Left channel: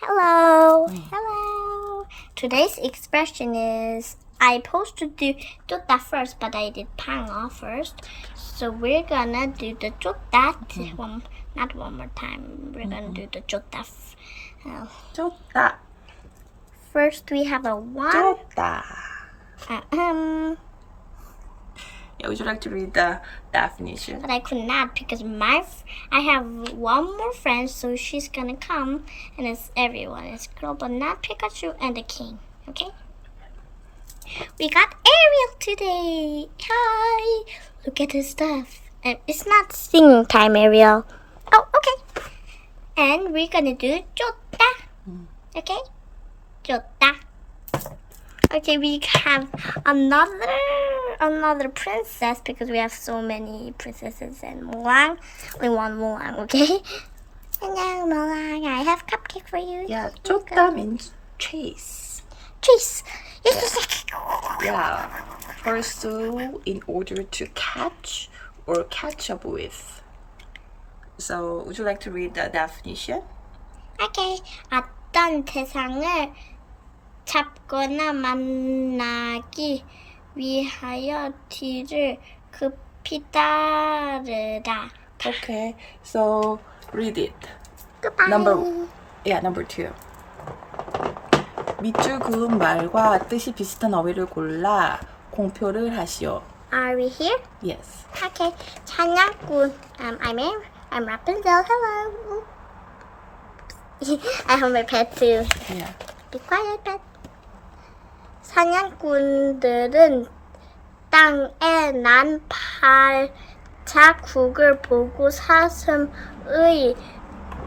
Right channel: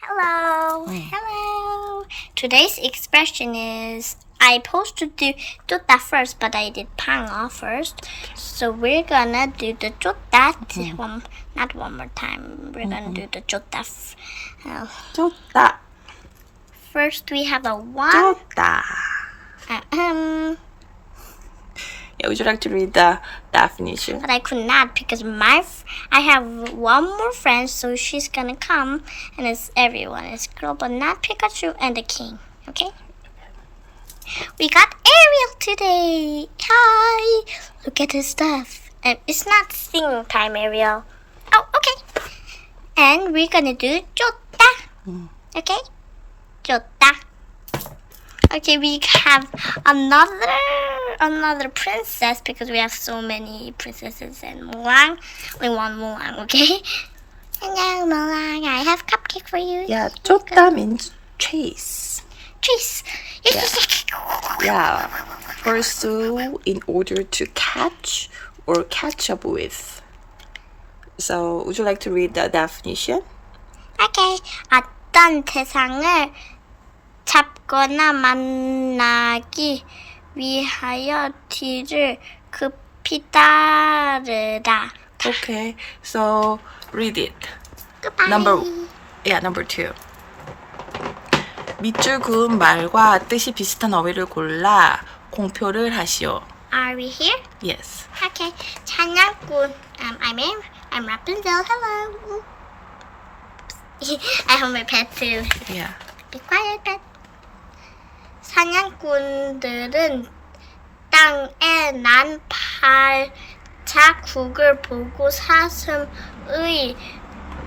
Hello. Hello. Today's expression is I supposed to do 쫓다 first, but I did 방어 first. So we're gonna do the 쫓다 not one more time. We're gonna do the 쫓다. 쫓다. First we have a one. 쫓다. Yeah, would you like to read the definition? But I could not because I have one more friend, so she's gonna come, and it's everyone. It's girl, but not Pikachu and the king. Okay. We got Ariel today. Hi. Look at his stuff. And it's not singing time, Ariel. Oh, okay. And we're gonna do 쫓다. Okay. 쫓다. Okay, we have another princess because we have so many princesses and Mulang. Only one Mulang, okay? Hello, Mulang. I have cupcake for you. Yeah, 쫓다 means chase. Chase. Yeah, pursue in order to catch or catch up with. So, would you like to read the definition? Okay. 어떤 대상을 잡거나 만나기 위하여 뒤를 급히 따르다. Okay, so read it. Goodbye. Number 2. 밑줄 그은 말과 뜻이 비슷한 어휘를 골라 공표를 하시오. Are we here? Yes. Okay. 찬양꾼. I'm Rapunzel. Hello. I have my pet too. Yeah. Be quiet, pet. 사냥꾼들은 땅에 난 발자국을 보고 사슴의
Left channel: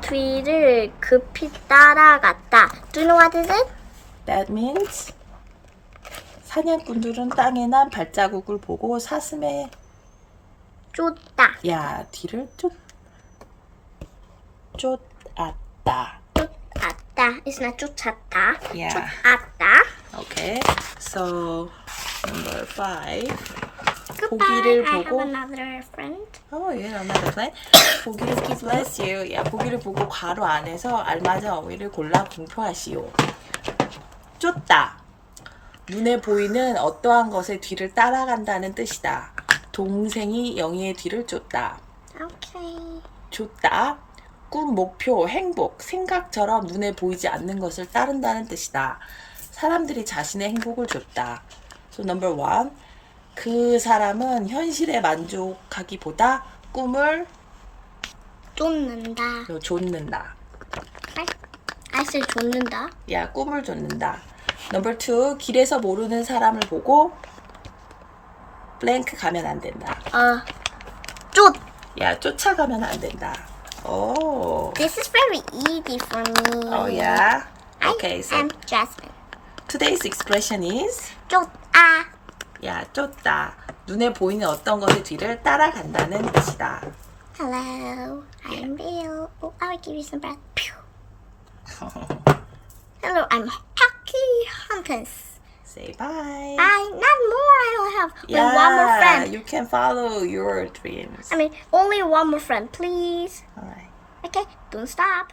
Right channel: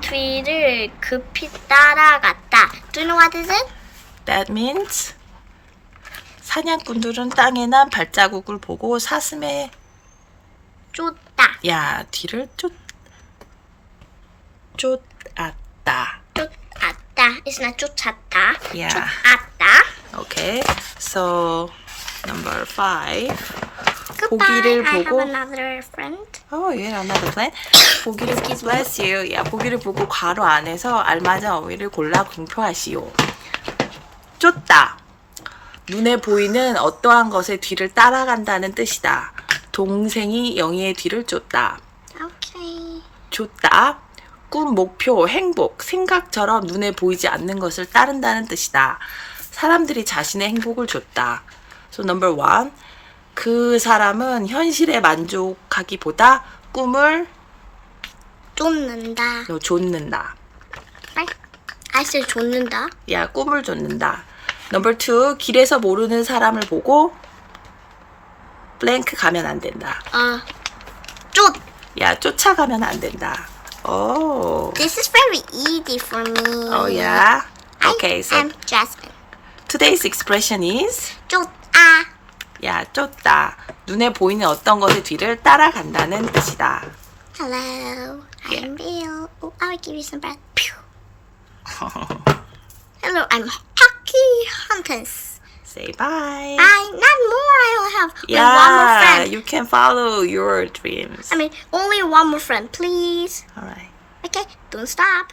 뒤를 급히 따라갔다. Do you know what is it? That means 사냥꾼들은 땅에 난 발자국을 보고 사슴의 쫓다. 뒤를 쫓았다. 쫓았다. It's not 쫓았다. Yeah. 쫓았다. Okay. So number 5. Goodbye. 보기를 I 보고 have another friend. Oh yeah, another plan. 보기를 bless you. 보기를 보고 괄호 안에서 알맞은 어휘를 골라 공표하시오. 쫓다. 눈에 보이는 어떠한 것의 뒤를 따라간다는 뜻이다. 동생이 영희의 뒤를 쫓다. Okay. 쫓다. 꿈, 목표, 행복, 생각처럼 눈에 보이지 않는 것을 따른다는 뜻이다. 사람들이 자신의 행복을 쫓다. So number 1. 그 사람은 현실에 만족하기보다 꿈을 쫓는다. 좇는다. I said 쫓는다. 꿈을 좇는다. Number 2. 길에서 모르는 사람을 보고 블랭크 가면 안 된다. 쫓아가면 안 된다. Oh. This is very easy for me. Oh yeah. Okay, so I'm Jasmine. today's expression is 쫓아. 쫓다. 눈에 보이는 어떤 것의 뒤를 따라간다는 뜻이다. Hello, I'm Bill. Oh, I'll give you some breath. Pew. Hello, I'm Hockey Hunters. Say bye. Bye. Not more. I only have one more friend. You can follow your dreams. Only one more friend, please. All right. Okay, don't stop.